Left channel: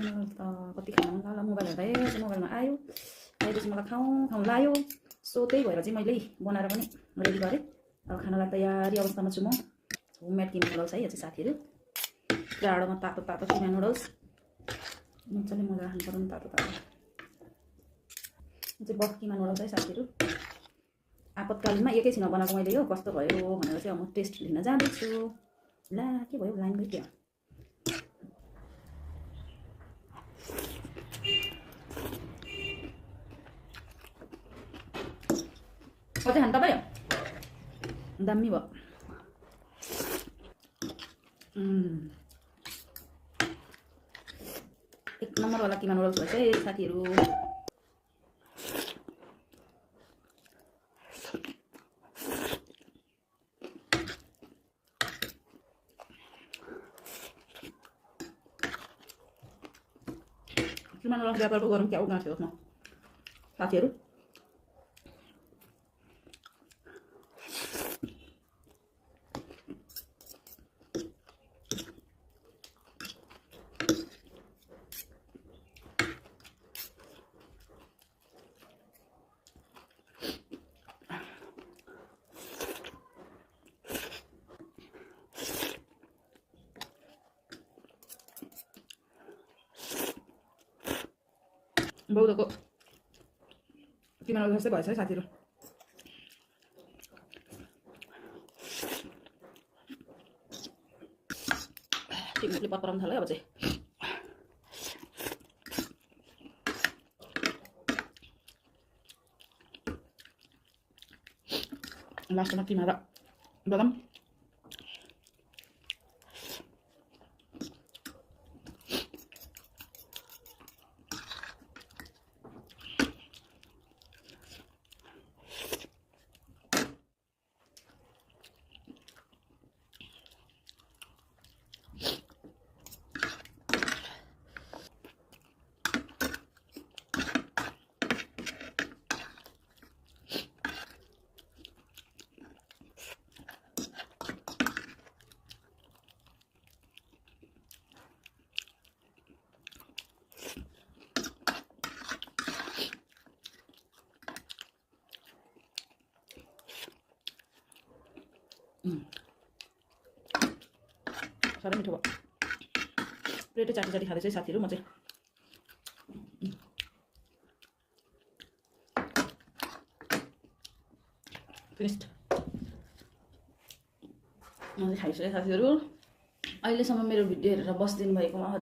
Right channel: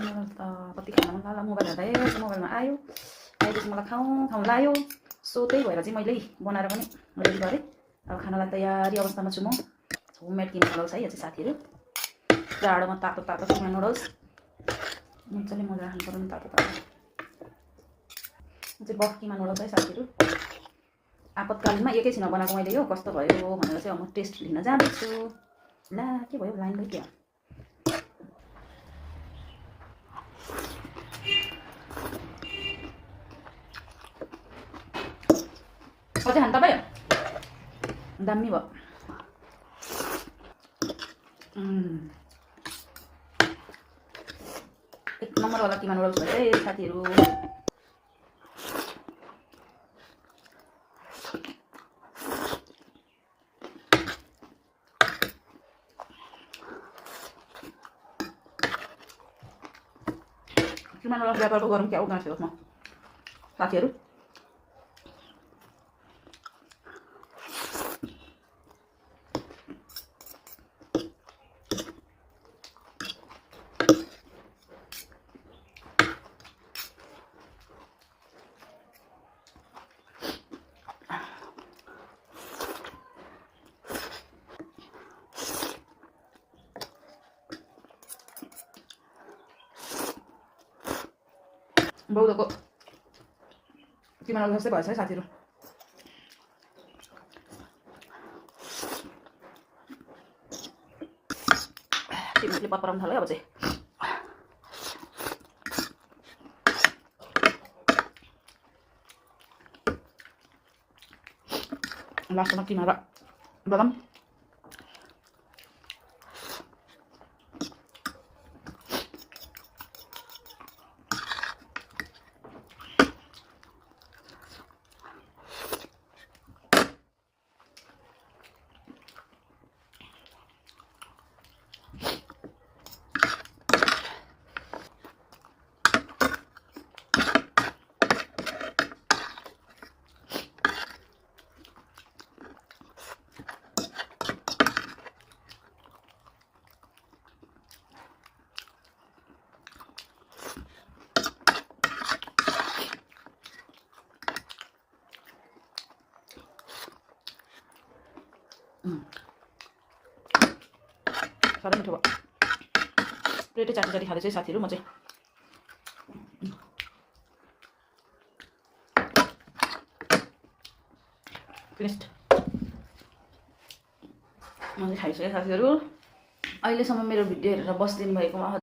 मलाई त कति खान मन लाग्ला मोबाइल हेर्दा मोबाइलमा आयो आएपछि मलाई खाउँ लाग्यो सो त्यही भएर चाहिँ मैले बनाएर पनि रेडी गरेँ अब खानालाई तयारी अवस्थामा छु म होममेड किमा नुडल्स है यो चाहिँ साथीहरू जाडोमा तातो तातो किमा नुडल्स मजाले मजा खानु पर्यो नि तातो तातो यो चाहिँ बफ किमा नुडल्स है साथीहरू आपतकालीनमा एकैछिनमा बनाएको मैले यो कस्तो भयो भनेर चाहिँ म टेस्ट लिन जाँदैछु ला के भयो लाइन गइदियो अझै खानु तपाईँ दामी भयो एक नम्बरवाला किमा नुडल्स भन्छ है साथीहरू किमा नुडल्स व्यापार गरौँ क्या उगाउँछु म साथीहरू बौद्धको किमा नुडल्स जस्तै भएछ है साथीहरू तिमीहरूले पराउनु थाल्यो अब चाहिँ लास्टमा किमा र बदाम साह्रै मिठो भयो प्लेटै चाटी चाटी खाँदैछ है साथीहरू म चाहिँ फिनिस्ड मैले खाइसकेँ साथीहरू अहिलेसम्म मेरो भिडियो हेरेर बसिदिनु भएकोमा